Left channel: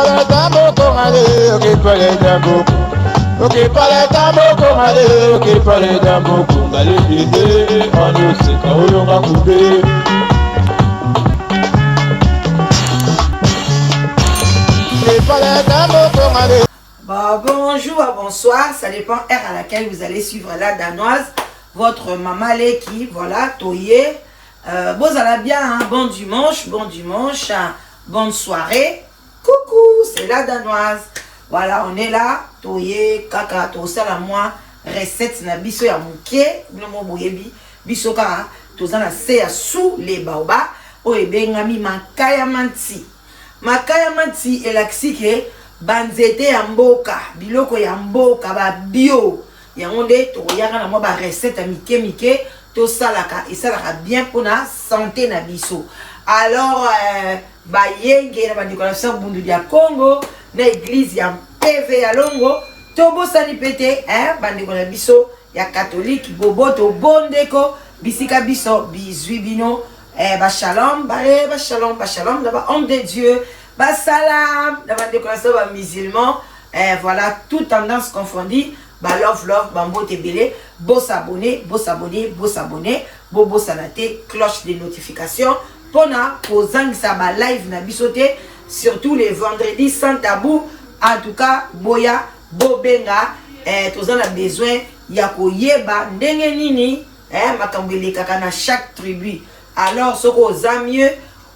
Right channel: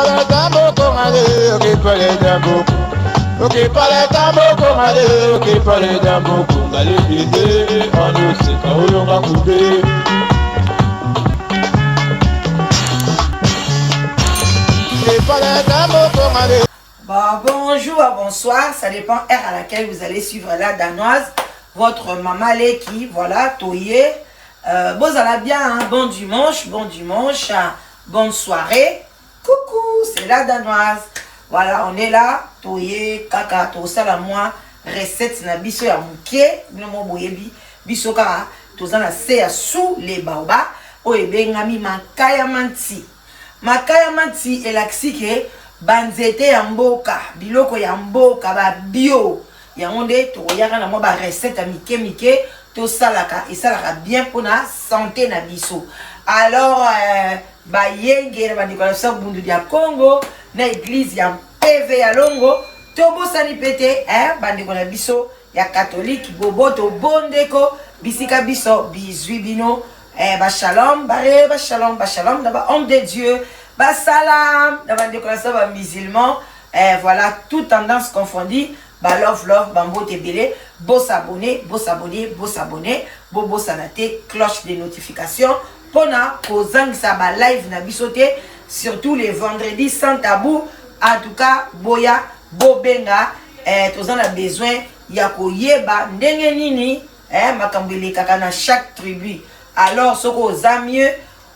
para tambo con ale, ok para tambo. Ok para tambo con ale, ok para tambo con ale, on ne sait pas où l'on va couper. Bon, bonjour, bonsoir, ça dépend heure à laquelle vous allez suivre la danoise. Votre maman Leki, voilà, Toye. Bon, ça va bien, hein? Bon dimanche, bonne soirée. Coucou, c'est la danoise. Voilà, on est là, Toye, kaka, to sala moi, recette na biso ya muke, binomo boyebi, biso kaka, to zana se ya sous les baobas, o ebengami makaya manti. Makaya manti elaksike, banzete ya mboka, biloko ya mboka, ba bio. Yango nde tokoyaka na mwa ba recette ya mike to salaka et salaka bien pour la santé na biso. Alors ba yenge na ba décoration bundu ya Congo na église ya PV ya Longo to bosani pete ba décoration biso ya catholique bobo to bondeko bisika biso bizwi bino ba shalom ba shalom da ba homme de Dieu ba salam da ba décoration ba musulman voilà toute tendance confondue. Ba love bambo tebele bo s'abonner bo salate cloche de notification pona kozangisa ba live na bisote surtout les vendredis sans tabou. En tout cas boya bobenga tozan la besoin ya koyeba ndenge nini makambo elekaka na chaque tribu. Alors soko za mieux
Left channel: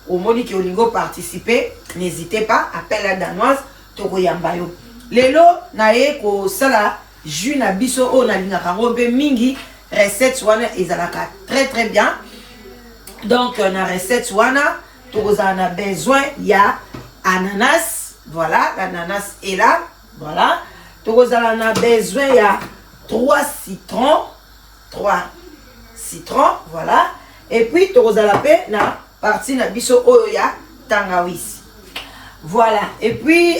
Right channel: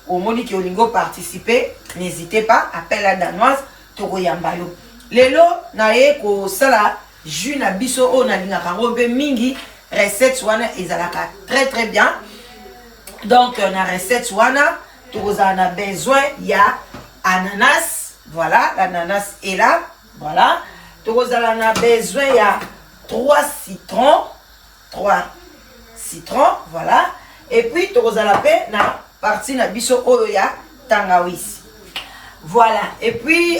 au moni ki olingo participer, n'hésitez pas, appelle la danoise toko yamba yo lelo na ye ko sala jus na biso o na lingaka robe mingi recette wana ezalaka très bien. Donc na recette wana toza na besoin ya ananas, voilà l'ananas est là, voilà toza na besoin ya 3 citrons, voilà, et puis toza la pe na partie na biso oyo ya tangawizi, voilà, et puis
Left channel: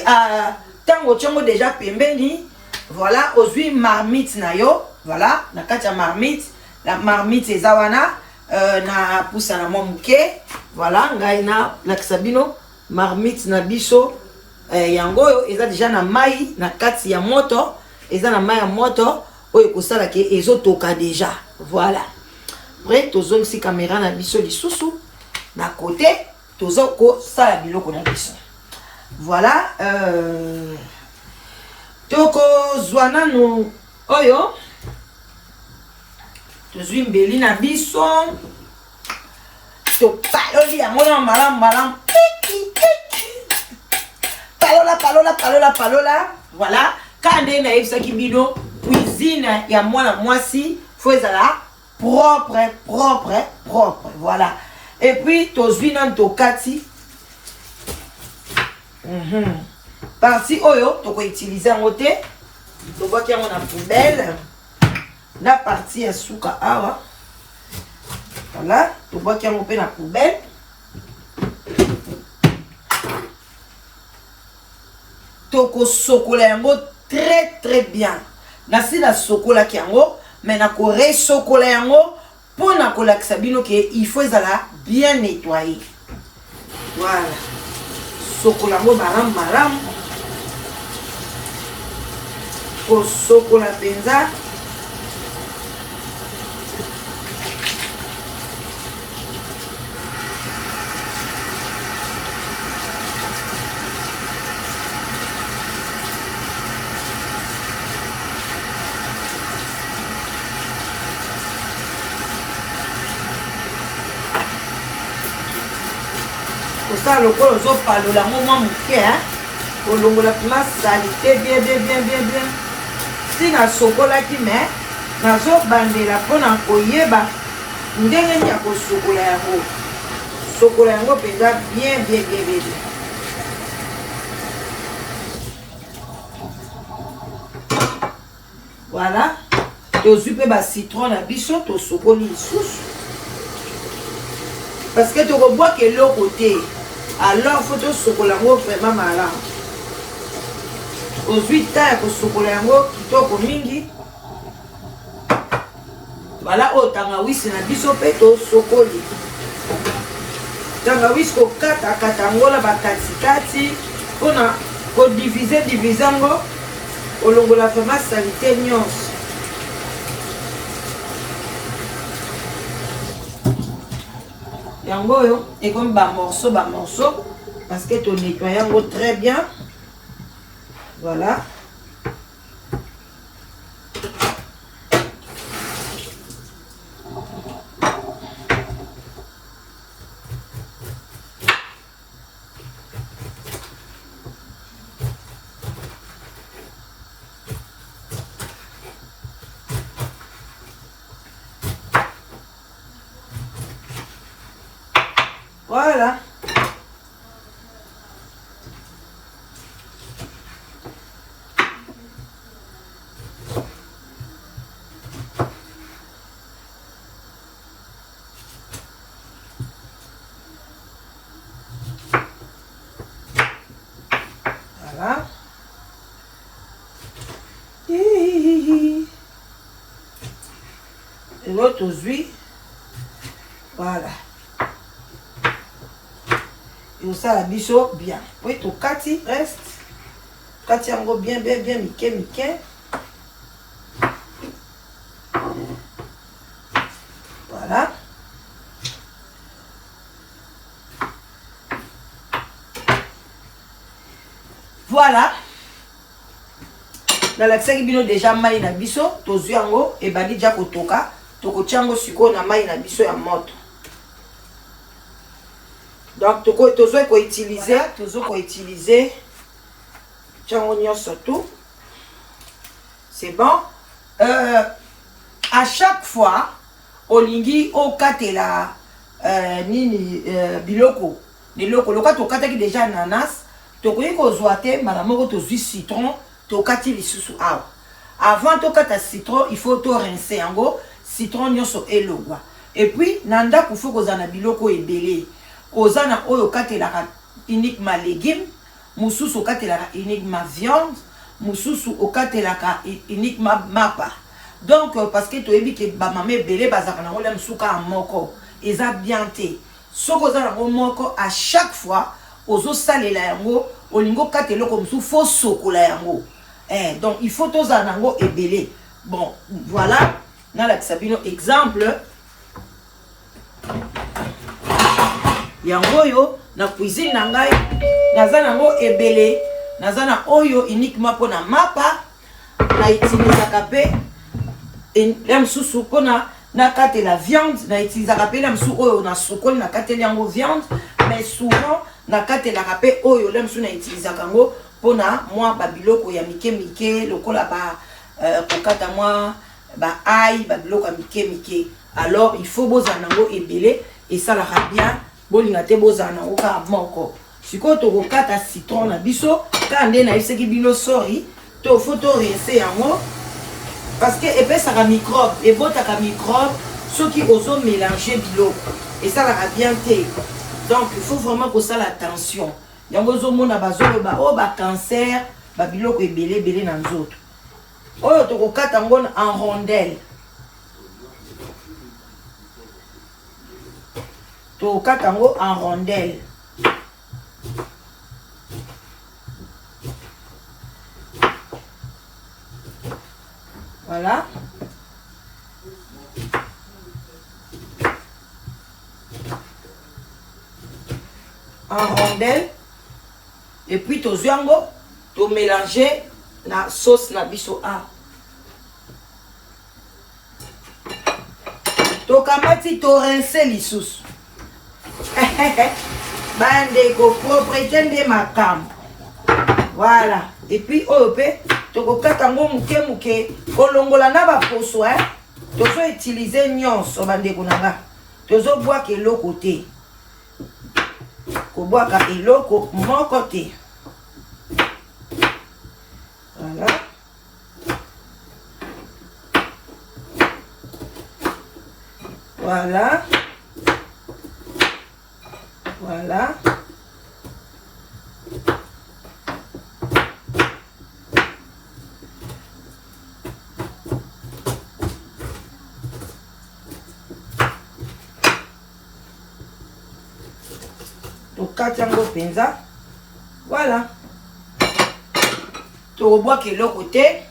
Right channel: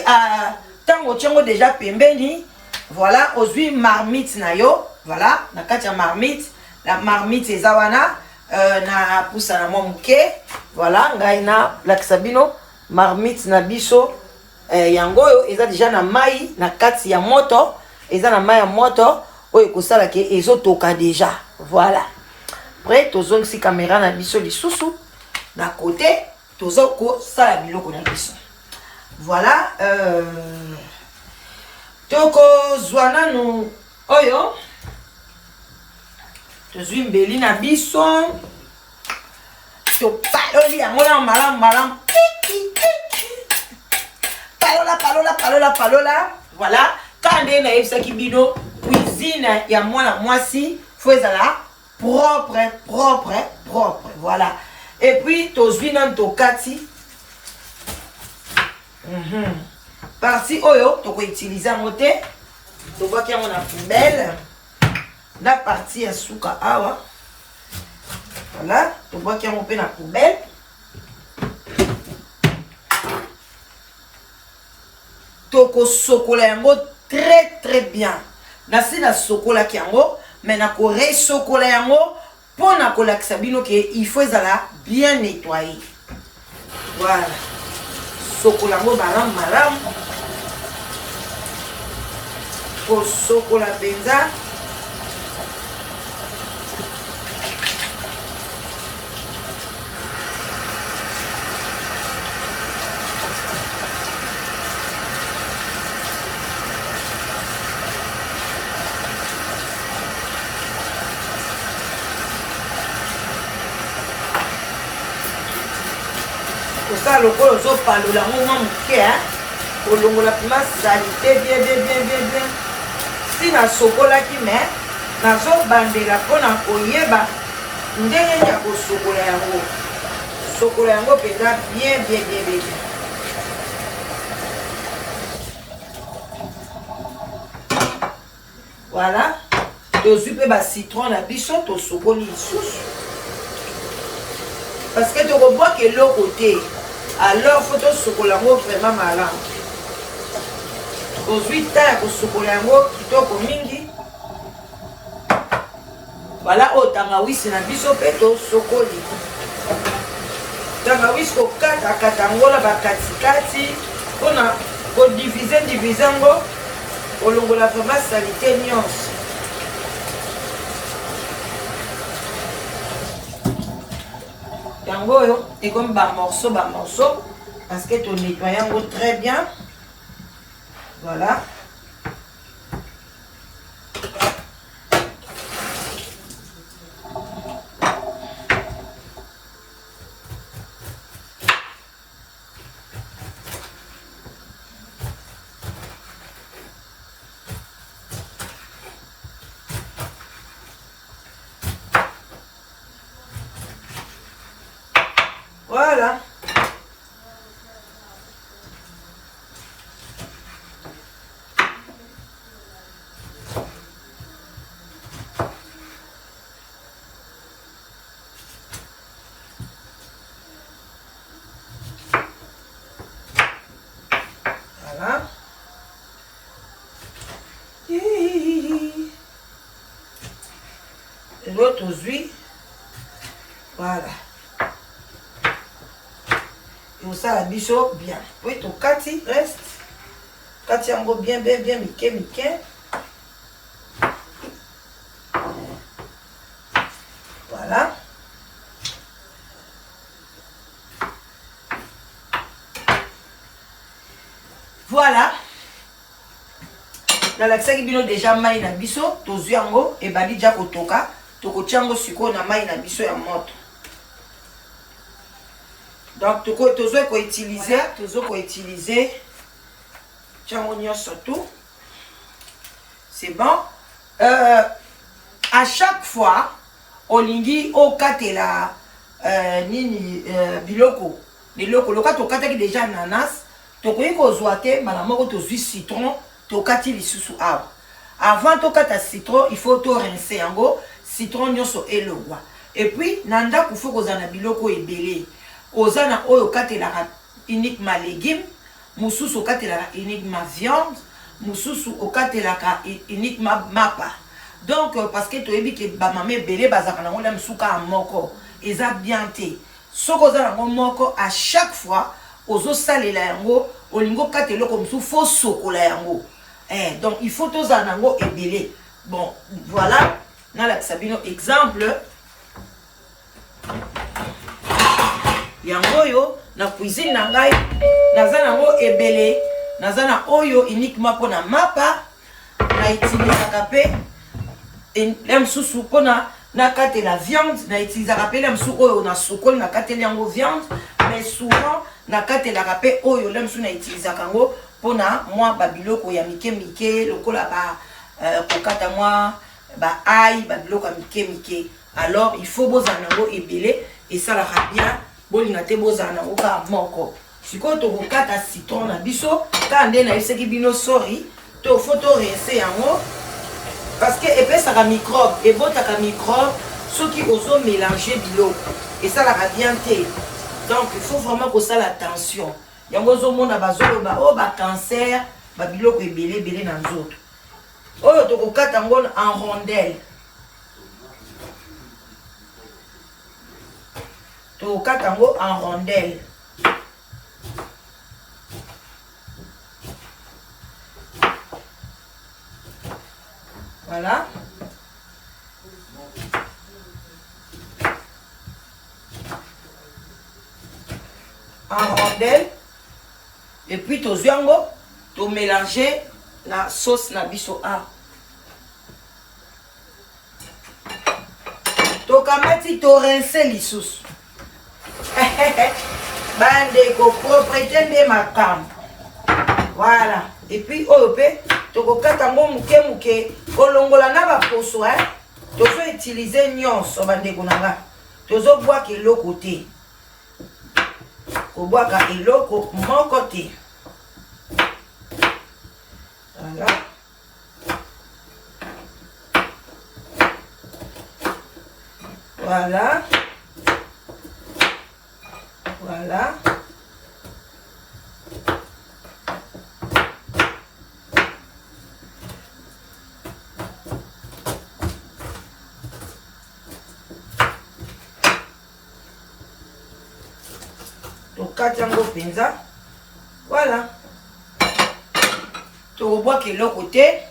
tango tiongo déjà pembeni. Voilà, aujourd'hui marmite na yo, voilà, na katia marmite, la marmite ezawana na poussa na momuke, voilà, ngaina la kisabino marmite na biso yango yo eza déjà na mai na kati ya moto, eza na mai ya moto oyo kosala ke ezotoka déjà, voilà. Après tozo si caméra na biso lisusu na côté tozo ko sala biloko na biso. Voilà, toko zwana no oyo tozwi mbeli na biso to paloli yango na malam palola voilà kande na yebisaki bino cuisine ya mwana mwasi faut ezala propre voilà. Et puis tozwi na tokati partie oyo toko utiliser en côté to voit qu'il y a na poubelle la partie ya suka awa voilà to voit qu'il y a mon pe na poubelle toko sokola yango très bien na si la sokola ki yango mais na ko re sokola yango pona ko lakisa bino ke il faut ezala bien nettoyer, voilà sokola yango malam ko sokola benza ça le col zo palola mwa muke kolongola pima salite bien si na sokola ki me nazo bandela pona koyeba ndenge ya kosokola yango penza bien. Voilà, tozwi pe ba citron na biso to sokoli lisusu parce que tu vois que l'autre côté alors faut to sokola ngo vraiment malamu. Aujourd'hui ta ko sokola ngo kitoko mingi, voilà o tangawisi na biso pe to sokoli tangawisi ko kata ngola ba katikati pona Pour diviser, au long de la vraiment salité nyonso. Yango yo, et comme morceau, parce que tu nettoies très bien. Voilà. Voilà. Voilà. Et l'autre aux huiles. Voilà. Et ça la biseau bien. Oui, tout kati reste. Kati en bien, miké. Voilà. Voilà. Dans la qui bino déjà maï na biso, tozu yango et badi déjà kotoka, toko tiango siko na maï na biso ya moto. Donc tozo ko utiliser tiango nyonso tout. C'est bon. À chaque fois olingi okatela biloko loka tokataki déjà ananas, tokoki kozwa te mbala moko tozwi citron tokati lisusu awa. Avant tokata citron, il faut to rincer yango citron nyonso elongwa. Et puis nanda kufu kozana biloko ebele. Ozana oyo katelaka uniquement légumes, mususu okatelaka uniquement viande, mususu okatelaka uniquement mapa. Donc parce que toyebi ke ba mame belé bazaka nango la msuka moko, eza bien te. Soko ozana ngo moko à chaque fois ozo salela yango, olingo kateloko musu fo sokola yango. Donc il faut tozana nango ebele. Bon, voilà, na la sabino exemple. Yango yo na cuisine na ngai naza nango ebele, naza na oyo uniquement pona mapa, na utilisaka pe la msusu pona na kate la viande, na utilisaka pe la msusu oyo na sukoli na kate yango viande, mais souvent na kate la pe oyo la msusu na utilisaka ngo pona moi ba biloko ya mike lokola ba kokata moi ba ail ba biloko ya mike. Alors il faut bozana ngo ebele et ça la bien. Bolinga te bozana oka moko. Siko to kokata citron na biso, ka nde na iseki bino sorry, to photo rincer yango parce que epesaka microbe, ebotaka microbe soki ozo mélanger biloko. Et ça la bien te. Donc il faut vraiment que ça l'attention. Yango zo mona bazolo ba o ba cancer, ba biloko ebele na nzoto. Oyo to kokata ngo en rondelle. To katango en rondelle. Voilà. En rondelle. Et puis to ziango, to mélanger la sauce na biso a. To kamati to rincer lisusu. Bandeko propriété de ma cam. Voilà. Et puis oyope toko katango muke kolongola na ba poso tozo utiliser nyonso bandeko nanga. Tozo bois ke loko te. Ko bois ka eloko moko te. Voilà. Voilà. Voilà. Tokati yango penza. Voilà. to bois que l'autre côté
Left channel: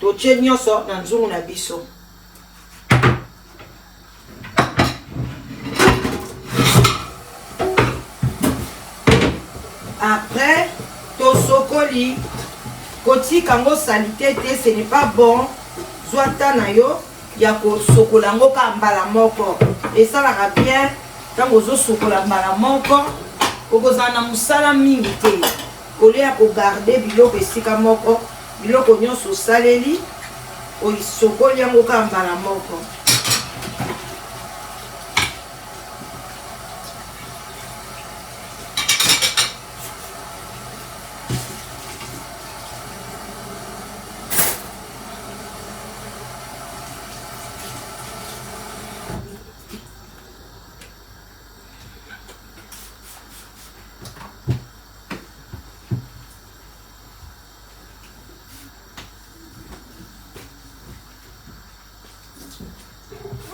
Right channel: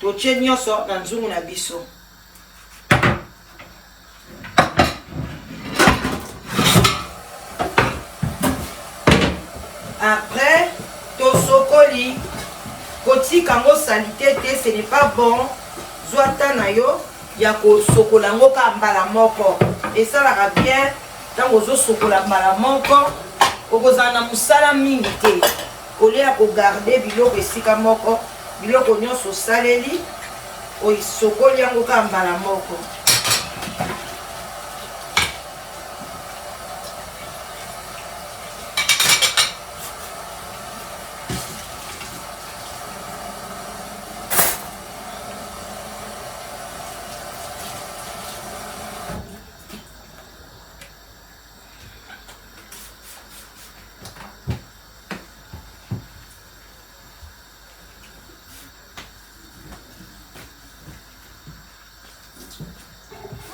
to chenyo sort dans zungu na biso. Après to sokoli koti kango salité te, ce n'est pas bon. Zwata na yo ya ko sokola ngo ka mbala moko et ça la bien tant ozo sokola mbala moko okozana musala mingi te olia ko garder biloko esika moko biloko nyonso saleli o sokoli ngo ka mbala moko.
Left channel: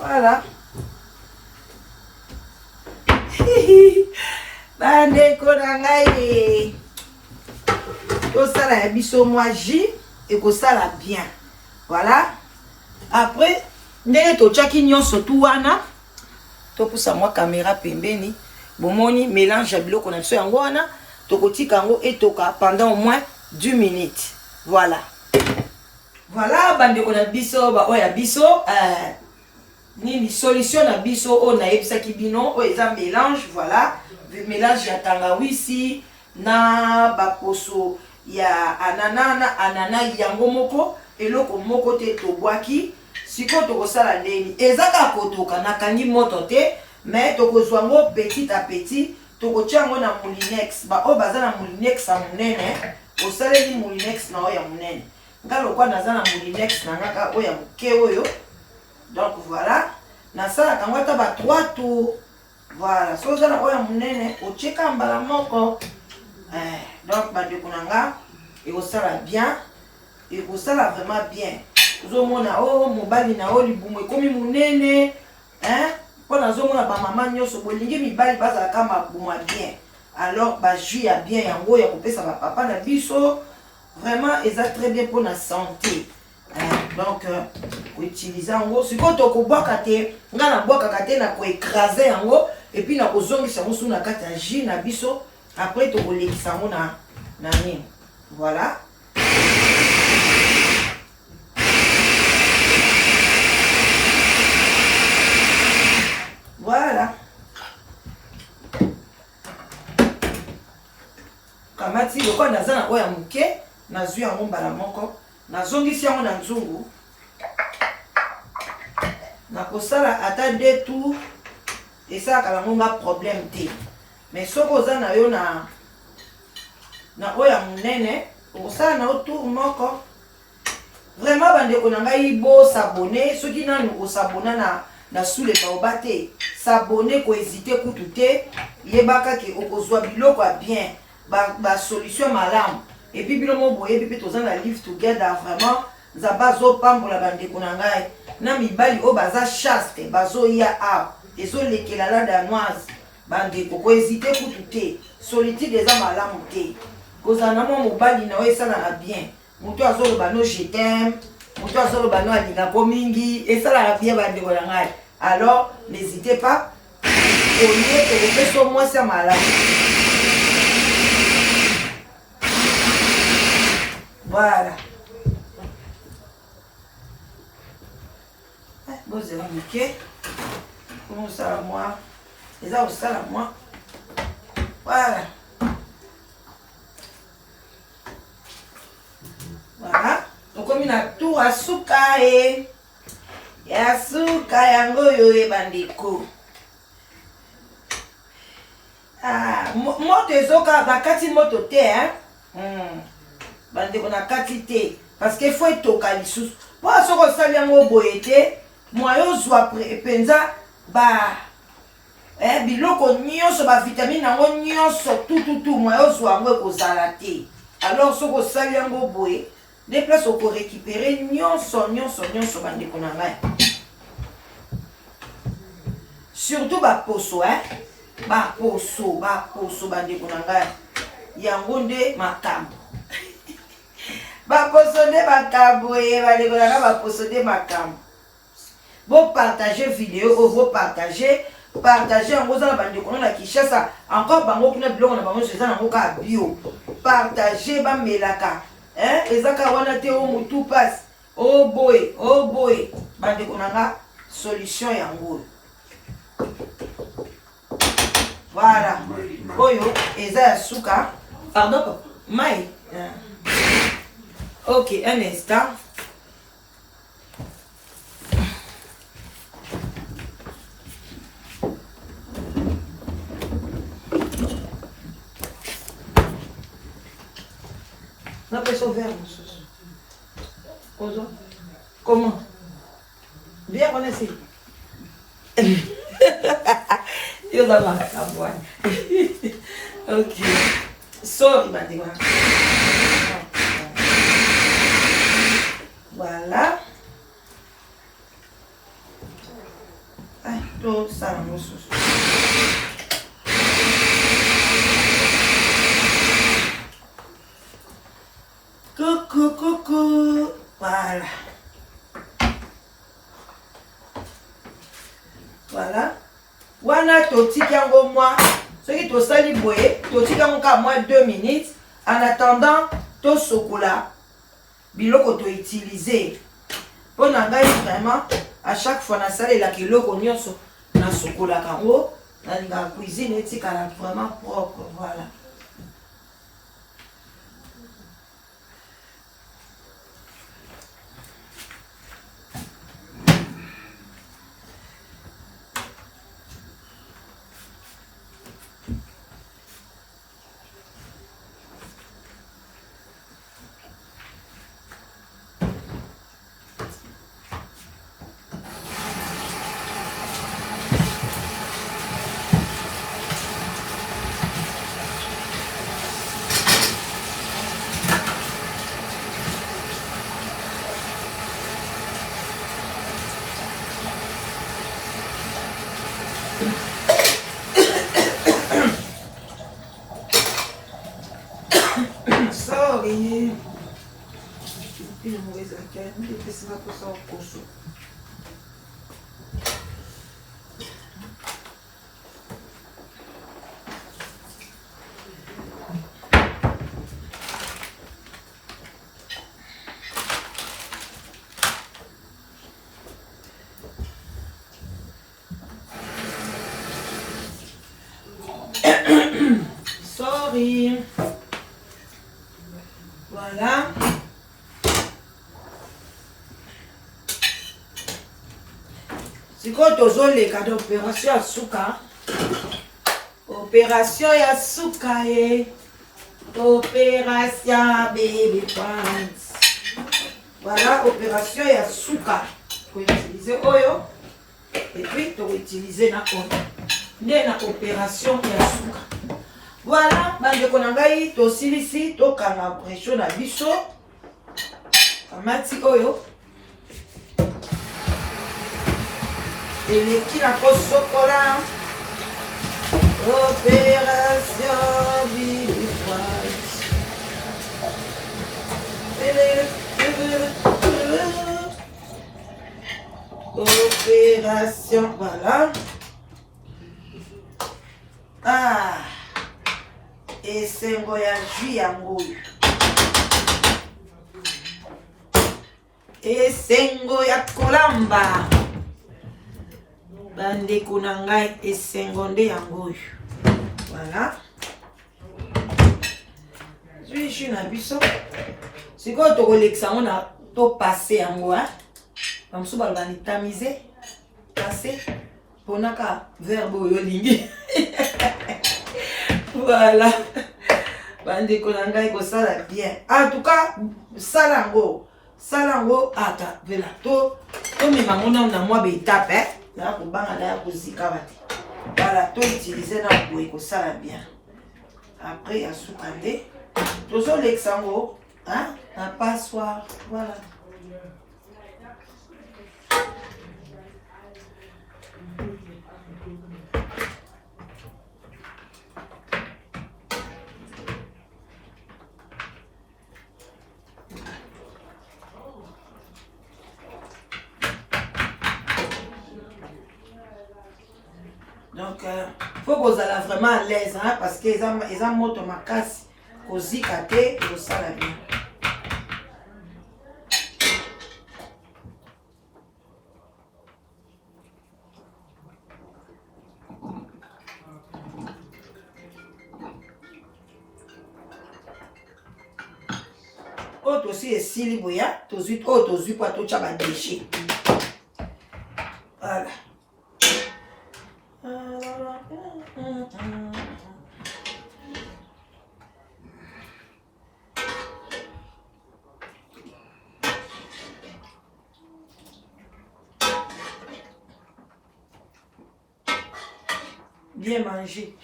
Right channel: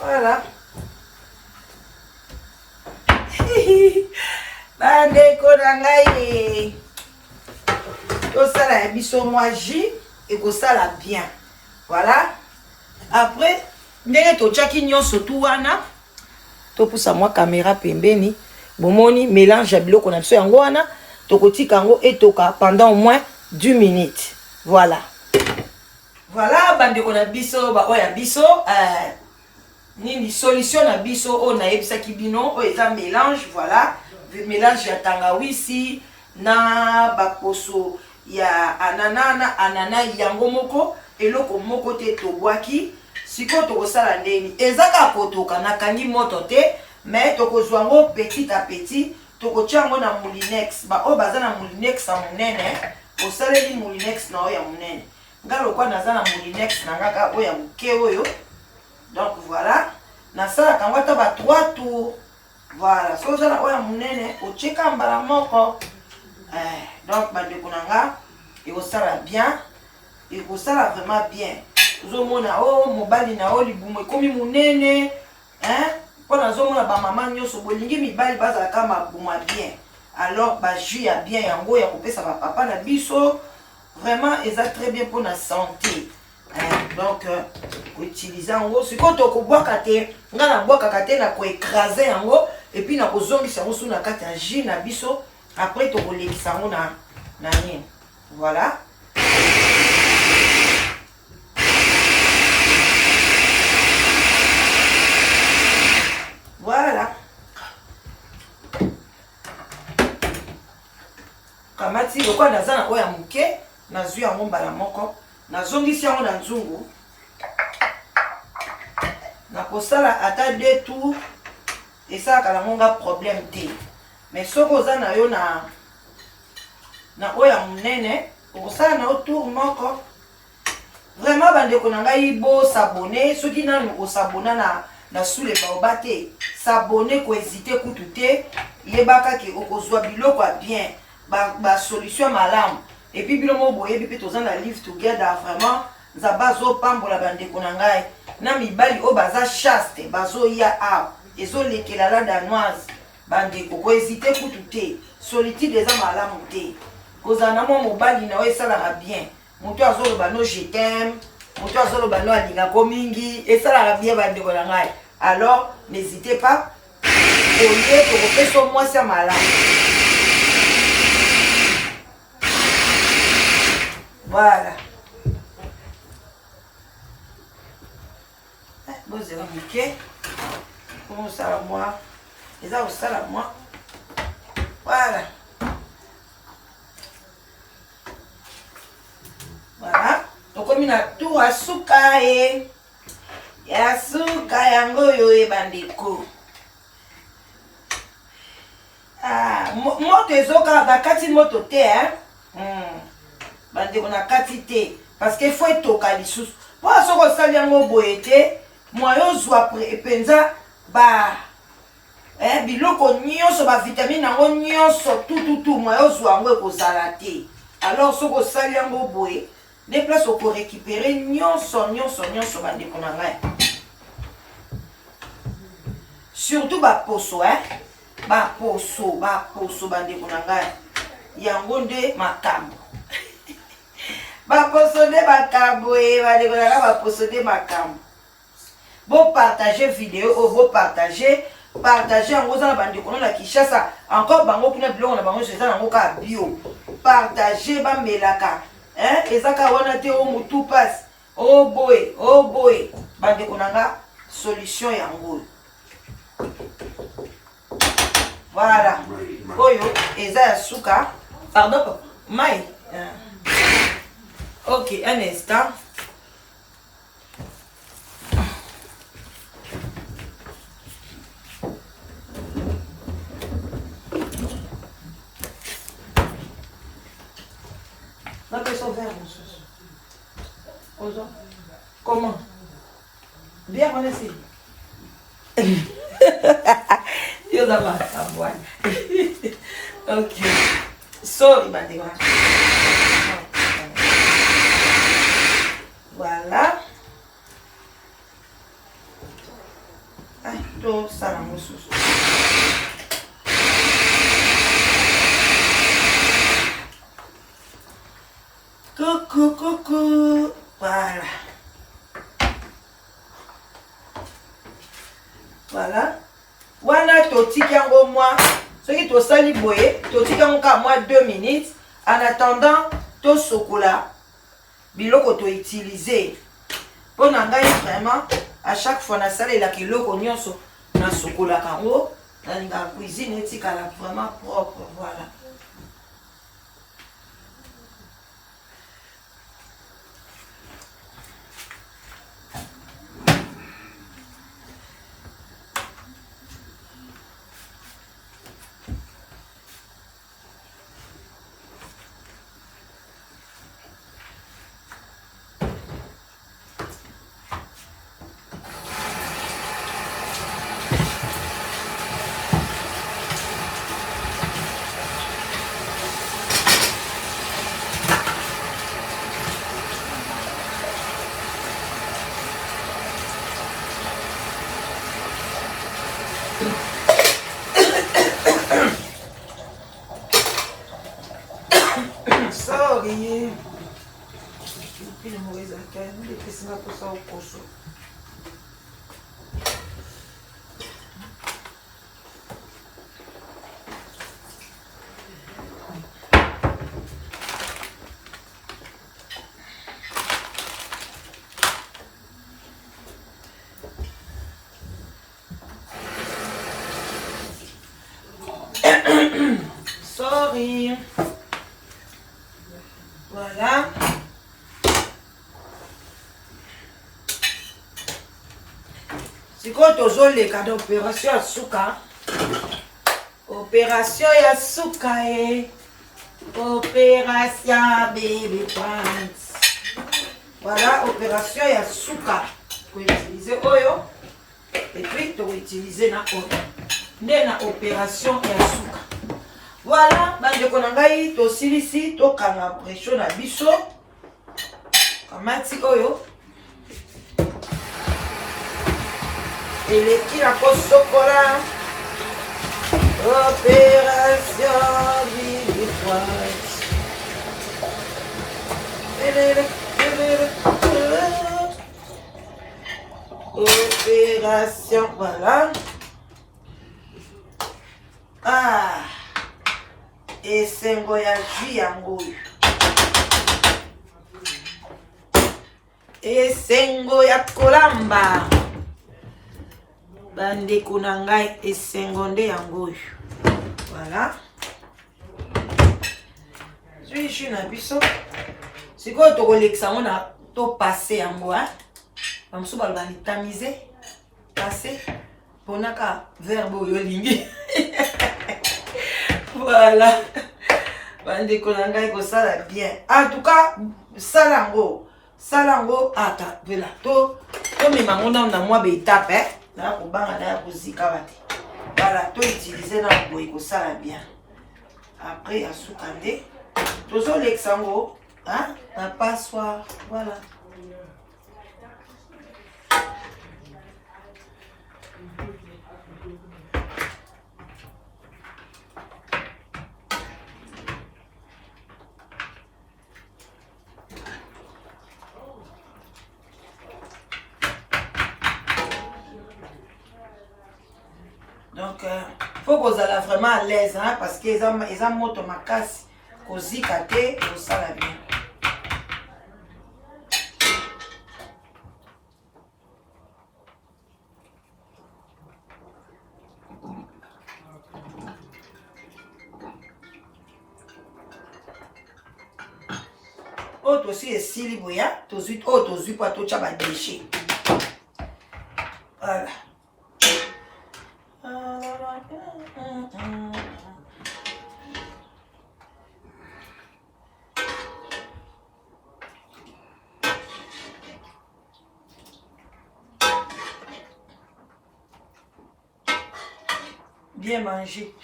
Voilà. Bandeko na ngai to sala ya biso moi jus et ko sala bien. Voilà. Après ndenge to chaki nyonso tu wana to pusa moi caméra pembeni bomoni mélange ya biloko na biso yango wana to kotika yango etoka pendant au moins 10 minutes. Voilà. Voilà bandeko na biso ba oya biso ni solution na biso o na yebisaki bino o eza mélange. Voilà, mélange ya tangawisi na baposo ya anana yango moko eloko moko te tobwaki siko tokosala ndeni ezaka kotoka na kangi moto te mais tokozwa ngo petit à petit tokotia yango na moulinex ba o baza na moulinex ya munene osaleli moulinex na o ya munene ngalo kwa naza na moulinex na ngaka o ya muke oyo. Donc voilà, na sala kangwa ta ba 3 tours. Voilà, so ça na oya munene o cheka mbala moko. Donc ba de kunanga et au sala bien et au sala vraiment bien. Zo mona o mobali na o libumo komi munene, pour na zo mona ba mama nyoso bolingi mibali baza kama buma bien. Alors ba jus ya bien yango ya kopesa ba papa na biso vraiment eza très bien pour la santé. Donc utiliser yango siko to ko boka te nga na boka kate na ko écraser yango et puis na ko zongisa yango sous na kati ya jus na biso après to ko lekisa yango na nini. Voilà. Voilà. Kamati lokwa naza na oya muke nazwi yango mbala moko nazongisi yango na nzungu nakosala ata 2 tours esalaka nango nga problème te. Mais soki oza na yo na oya munene okosala na yo tour moko vraiment bandeko na ngai bo s'abonner soki nanu osabona na sule baoba te s'abonner ko hésiter kutu te yebaka ke okozwa biloko ya bien ba solution malamu. Et puis bilomo boye bi pe tozana live together vraiment za bazo pambola bandeko na ngai na mibali o baza chaste bazo ya a ezo lekela la danoise bandeko ko hésiter kutu te solitude eza malamu te kozana mo mobali na o esala bien muto azoloba no je t'aime muto azoloba no alinga ko mingi esala bien bandeko na ngai. Alors n'hésitez pas au lieu de refaire moi ça malamu. Voilà. Bon, c'est compliqué. Comment ça va moi? Et ça, ça là moi. Voilà. Voilà. Donc, comme il a tout à souka et ya souka yango yo e bandeko. Ah, moto ezoka bakati moto te hein. Bandeko na quantité parce que faut etoka lisusu po soko sali yango boye te moyo zwa penza ba biloko nyonso ba vitamine yango nyonso tout moyo zwa yango ekozala te. Alors soko sali yango boye des places pour récupérer nyonso bandeko na ngai surtout ba poso ba poso bandeko na ngai yango nde makambo. baposode makambo balekaka baposode makambo bopartage vidéo oyo bopartage yango oza na bandeko na Kinshasa encore bango kuna biloko na bango eza nango kaka bio partage bamelaka eza kaka wana te o motu pasi oboye bandeko na nga solution yango voilà oyo eza ya suka pardon papa mai ok un instant on appelle ça vert comment bien qu'on essaye yo d'abord ok so voilà tout ça la mousse coucou voilà wana totika yango moi soki tosali boye totika yango ka moi 2 minutes en attendant tosokola biloko to utiliser pour na ngai vraiment à chaque fois na salelaka eloko nyonso na sokolaka yango na cuisine etikala vraiment propre voilà. Sorry. Ile mweza kani ndio posa ukoso. Sorry. Voilà. Siko tozoleka na opération ya suka. Opération ya suka Opération baby pants. Voilà, opération ya suka. Ko utiliser oyo et puis to utiliser na oyo. Nde na opération ya suka. Voilà, bandeko na ngai tosilisi tokanga pression na biso. Kamati oyo. Eleki na kosokola. Opération Bifrance. Opération, voilà. Ah. Esengo ya jus yango. Esengo ya kolamba. Bandeko na ngai esengo nde yango. Voilà. Jus na biso. Siko to kolekisa ona to passer yango Bamusu balobani tamiser. Passer. Ponaka verbe oyo lingi. Voilà. Bandeko na ngai ko sala bien. En tout cas, salango ata vela to mema mona na mwa be étape na ko banga na ko zika bati. Voilà, to utiliser na boye ko sala bien. Après à soukande, tozo l'exango, na passoire, voilà. Donc, il faut que vous soyez vraiment à l'aise, hein, parce qu'ils ont moto ma casse, cosy kate, et vous savez bien. Autre aussi est si libre, autre aussi pour tout ça va déchirer. Voilà. Bien manger.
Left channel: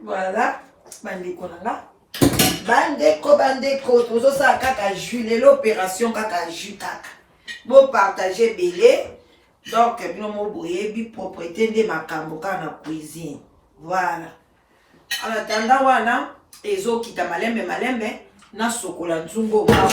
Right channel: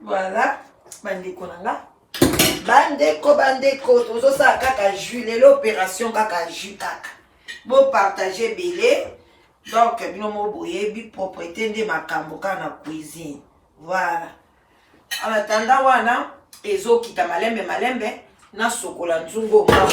Voilà, bandeko nanga. Bandeko, tozo sa kaka jus, l'opération kaka jus kaka. Bon partager belé. Donc, bino mo boye bi propriété de makambo na cuisine. Voilà. En attendant wana, ezo kita malembe na sokola nzungo ba.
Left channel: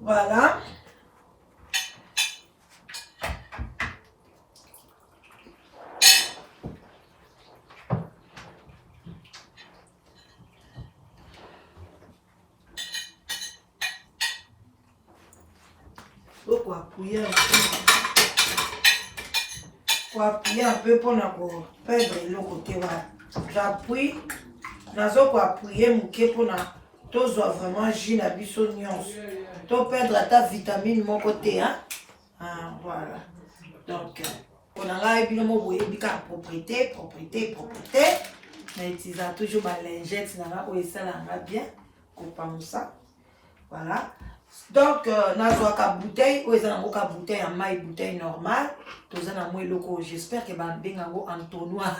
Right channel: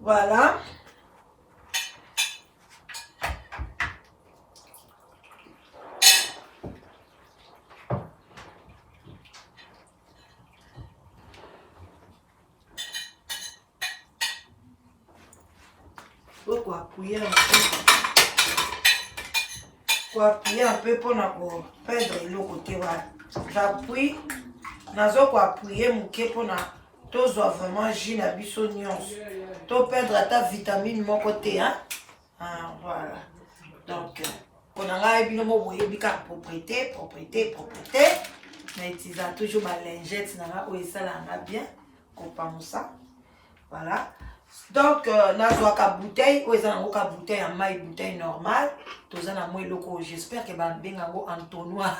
Voilà. Faut appuyer un peu. Faut appuyer un peu pour ne pas perdre le côté. J'appuie. Nazo ko appuyer muke pour na tozo vraiment jus na biso nyonso. To perdre ta vitamine mon côté, hein. Ah, voilà. Donc, on a eu bien bika propriété. Mais il a toujours ma lingette, où ça là bien, comme ça. Voilà. Donc, nazo ka bouteille, où ça ka bouteille en maille bouteille normale. Tous en moi loko, j'espère que ban bengango entonnoir.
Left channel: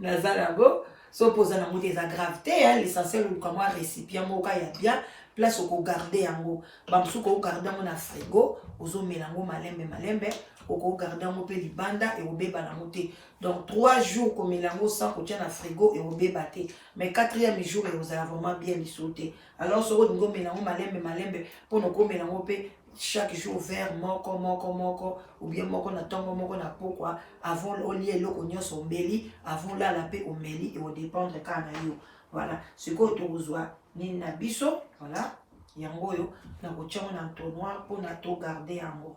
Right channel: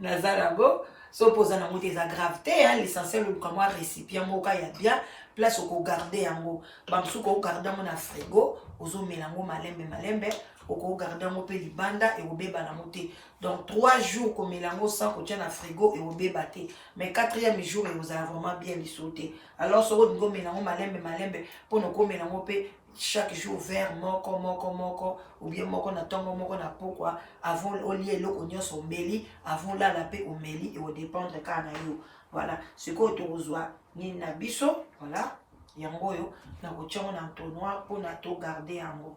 Nazalago. So posa na moté za gravité, hein, l'essentiel ou comme récipient moka ya bien. Place au garder yango bamsu ko garder mon frigo ozo melango malembe ko garder mon pe libanda et obeba na moté. Donc 3 jours ko melango sans ko tient na frigo et obeba te, mais 4e jour et vous allez vraiment bien les sauter. Alors so ngo melango malembe pour no ko melango pe chaque jour vers moko ou bien moko na tongo moko na pourquoi avant au lié loko nyonso mbeli avant là la paix au meli et au dépendre kana yo. Voilà, ce que tu reçois ni na biso, voilà, yango yo na ko tchongo na entonnoir pour na to garder yango.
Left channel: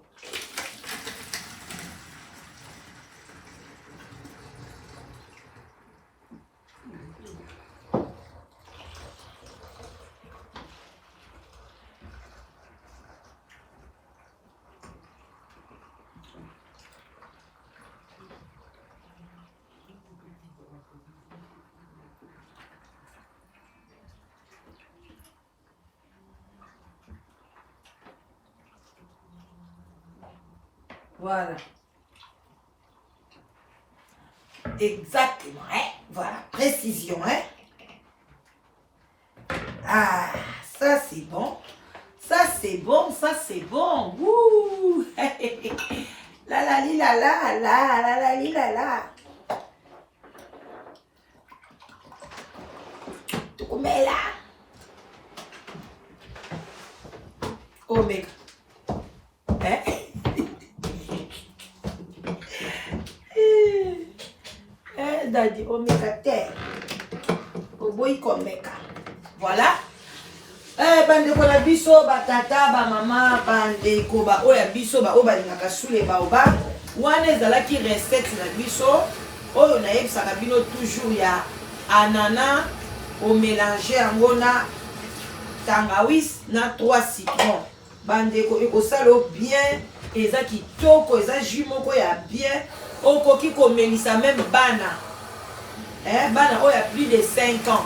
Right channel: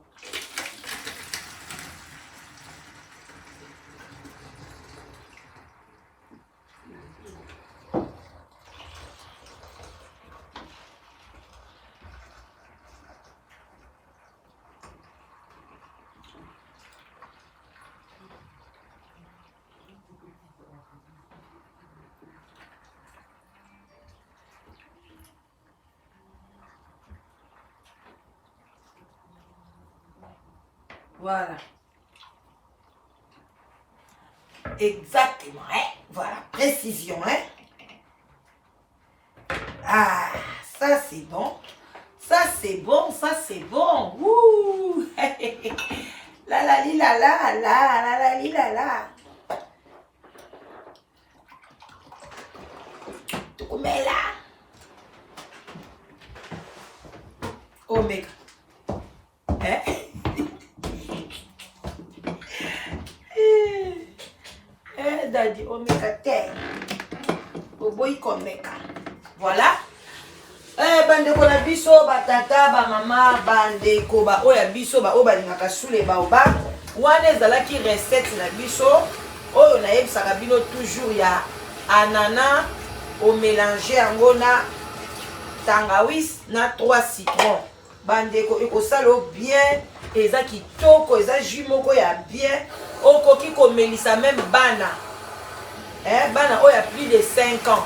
Voilà. Exactement, hein? Voilà, précision, hein? Ah, ça c'est bon. Ça c'est bon, ça c'est bon. Ouh! La la li la la la la la li la la. Tu mets là. Omega. Hein? Daddy, omega te. Boboy komeka. Voilà. Bandeko na biso, batata, ba mama, bandeko, ba oya biso, ba oba ni makasule ba oba. Wana ezalaki recette na biso. Oyo na yebisaka bino toujours ya anana au mélanger yango na tangawis na 3 citron. Bandeko ekosalo bien, eza kitoko, eza jus moko ya bien. Okoki komelisa même bana. Bana oyo ya plus de 5 ans.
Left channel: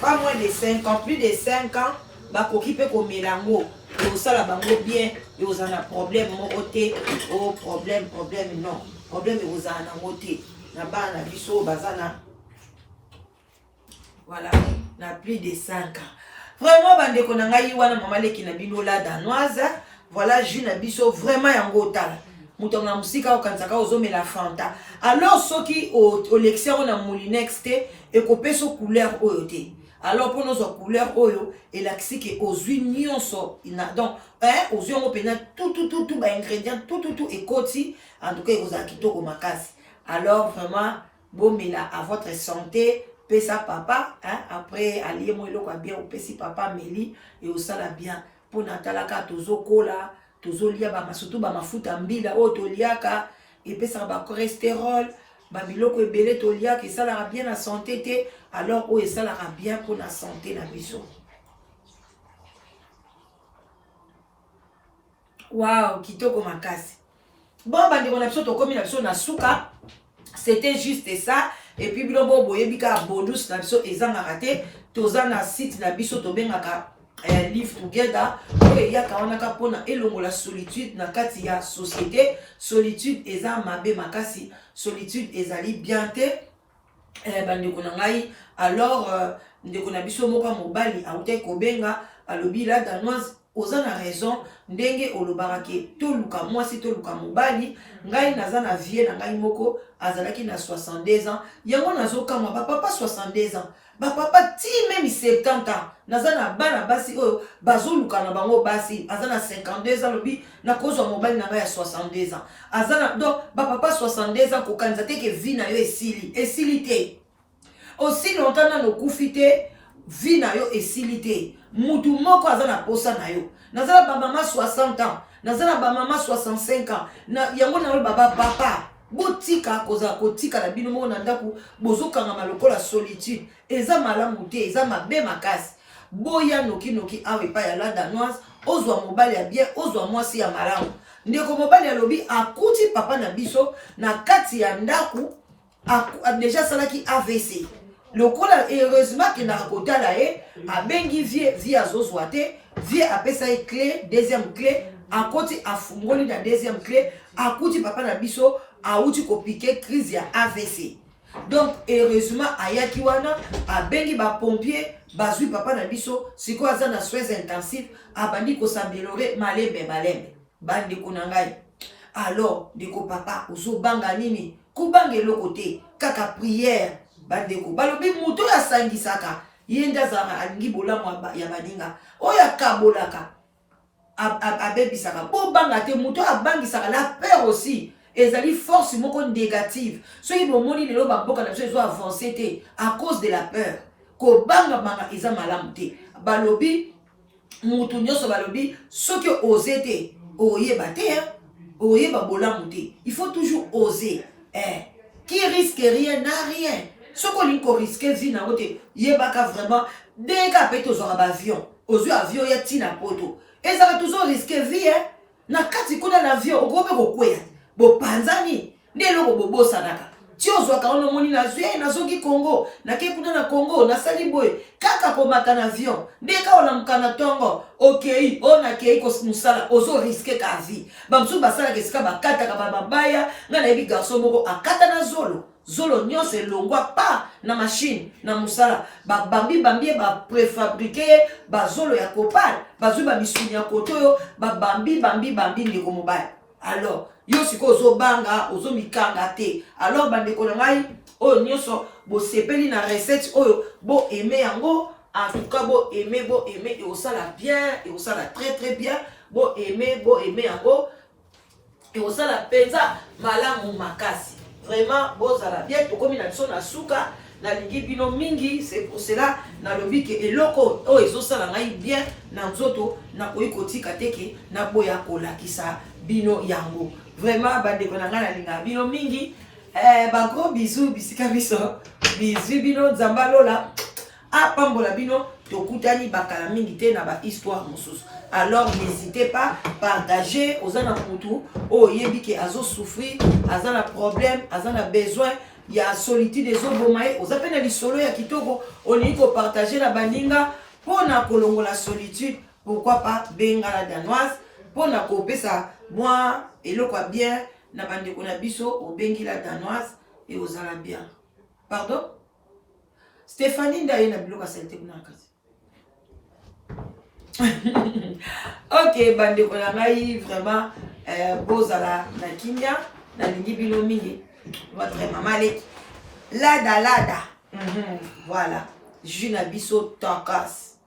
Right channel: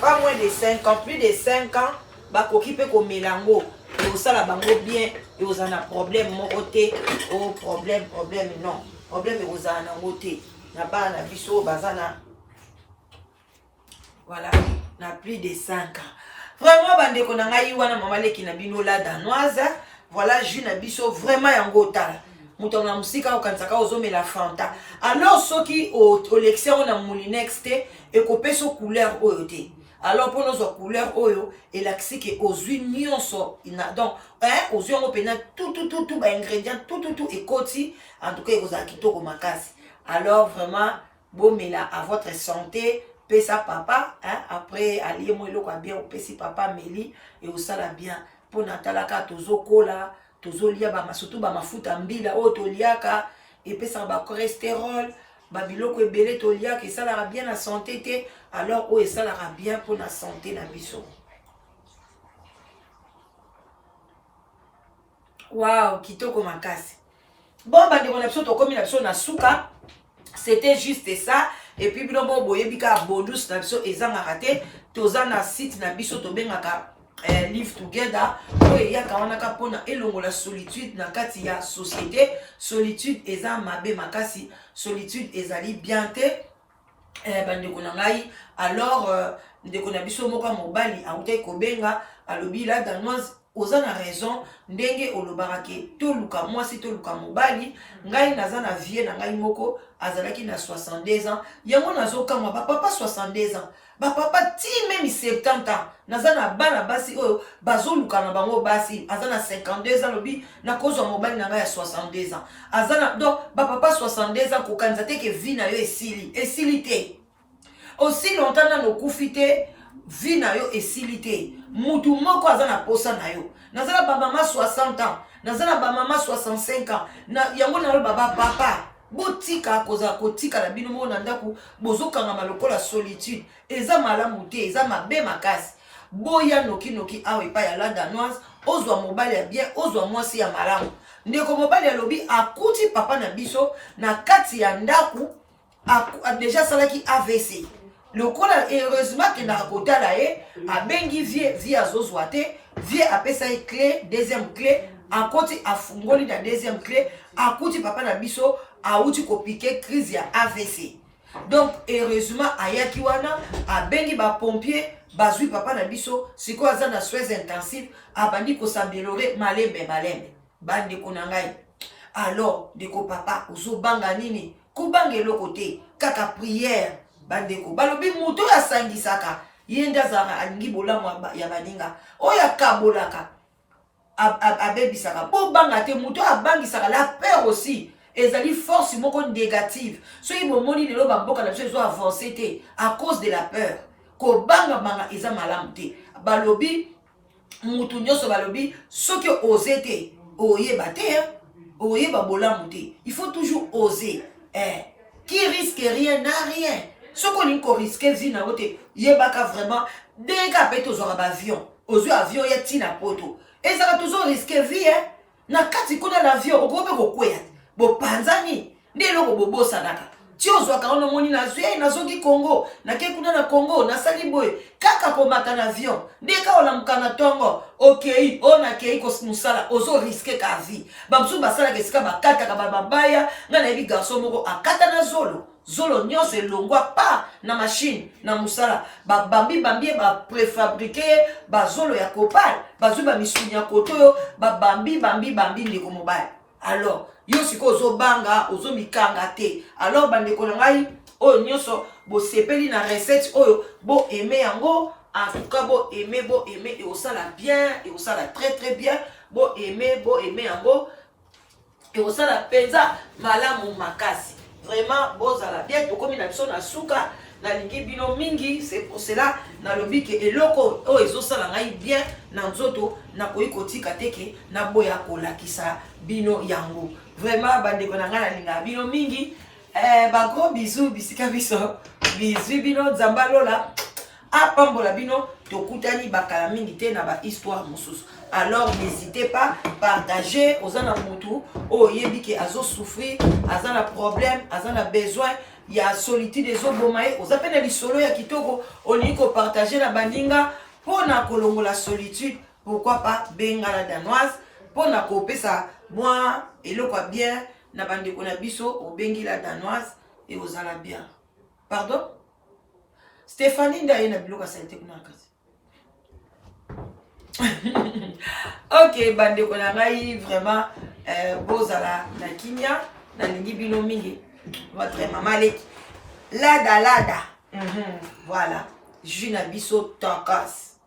Pas moins de 5 ans, plus de 5 ans. Bakoki pe komelango. Ekosala bango bien, ekozana problème moko te. Oh problème non. Problème ekozana nango te. Na bana biso bazana. Voilà, na plus de 5 ans. Vraiment bandeko na ngai wana mama leki na bino la danoise. Voilà, jus na biso vraiment yango tala. Mutonga musika okansaka ozomela fanta. Alors soki o lecture na moulinex te ekopeso couleur oyo te. Alors pour nos couleurs oyo elakisi ke ozwi nyonso ina donc ozwi yango pena tout ba ingrédients tout ekoti en tout cas ekozala kitoko makasi. Alors vraiment bomela à votre santé. Pesa papa, après allié moi eloko bien opesi papa meli et osala bien pour natalaka tozo kola tozo lia ba surtout ba mafuta mbila o to liaka et pesa ba cholestérol ba biloko ebele to liaka et ça la bien la santé te alors o et ça la bien pour la santé na biso. Wow, kitoko makasi. Bon bandi on a biso to komi na biso na suka. C'était juste ça. Et puis bino bo boyebika bonus na biso ezanga raté toza na site na biso to bengaka live together oyo yaka wana ka pona elongo la solitude na kati ya société. Solitude eza mabe makasi, solitude ezali bien te bandeko na ngai. Alors ndeko na biso moka mobali autai kobenga alobi la danoise oza na raison ndenge olobarake toluka mwasi toluka mobali ngai naza na vie na ngai moko azalaki na 62 ans yango nazokamwa bapapa 62 ans bapapa ti même 70 ans naza na bana basi oyo bazoluka na bango basi aza na 52 ans lobi na kozwa mobali na ngai ya 62 ans aza na donc bapapa 62 ans kokanisa te ke vie na yo esili te aussi longtemps na nokufi te vie na yo esili te mutu moko aza na posa na yo nazala ba mama 60 ans nazala ba mama 65 ans na yango na baba papa botika koza kotika na bino moko na ndako bozokanga malokola solitude eza malamu te eza mabe makasi boya noki awe pa ya la danoise ozwa mobali ya bien ozwa mwasi ya malamu ndeko mobali alobi akuti papa na biso na kati ya ndako déjà salaki AVC lokola heureusement que na kotala abengi vie azozwa te vie apesa clé deuxième clé akoti afungoli na deuxième clé akuti papa na biso auti kopike crise ya AVC donc heureusement ayaki wana abengi ba pompier bazui papa na biso siko aza na soins intensifs abandi ko s'améliorer malembe bandi kuna ngai alors deko papa ozo banga nini kubanga eloko te kaka prière bandeko balobi moto ya sangisaka yenda zara alingi bolamu ya baninga oya kabolaka abebisaka bo banga te moto abangisaka la peur aussi ezali force moko négative soki bomoni lelo bamboka na biso ezo avancer te à cause de la peur ko banga eza malamu te balobi mutu nyonso balobi soki oser te oyeba te oyeba bolamu te il faut toujours oser qui risque rien n'a rien. Ce qu'on y risque vie na wote yebaka vraiment dès qu'à péter aux avions aux avions ya tina poto et ça va toujours risquer vie na kati kuna l'avion okobe kokwea bo panzani ndelo bobo sanaka tiozo ka ono moni na zwe na zoki Congo na ke kuna na Congo na sali boy kaka komata na avion ndeka ona mkana tongo okay ona ke ko musala ozo risquer ka vie bamsu basala ke sika bakata ka babaya ngana ebi garçon moko akata na zolo nyonso elongwa pa na machine na musala bambi ba préfabriqué ba zolo ya kopal bazwi ba misuni ya kotoyo bambi ndeko mobile. Alors yo siko ozo banga ozo mikanga te alors bandeko na ngai oyo nyonso bo sepeli na recette oyo bo aimer yango en tout cas bo aimer et osala bien et osala très bien bo aimer yango et osala penza malamu makasi. Vraiment bozala bien tokomi na biso na suka nalingi bino mingi, c'est pour cela nalobi ke eloko o ezosala ngai bien na nzoto nakoki kotika teke na boya kolakisa bino yango. Vraiment bandeko na ngai nalinga bino mingi. Ba gros bisous bisika biso. Bisous bino nzamba lola. Apambola bino tokutani bakala mingi te na ba histoire mosusu. Alors n'hésitez pas partager aux ana mutu o yebi ke azo souffrir, azana problème, azana besoin, il y a solitude des obomae, aux appels de solo ya kitoko, on y ko partager na bandinga pour na kolongo la solitude, pourquoi pas benga la danoise pour na ko pesa moi et le quoi bien na bande ko na biso o bengi la danoise et aux ala bien. Pardon? Stéphanie ndaye na biloka santé kuna kasi. Ok, bande ko na ngai vraiment bozala na kimia na lingi bino mingi. Votre maman est lada. Voilà. Juna biso takas.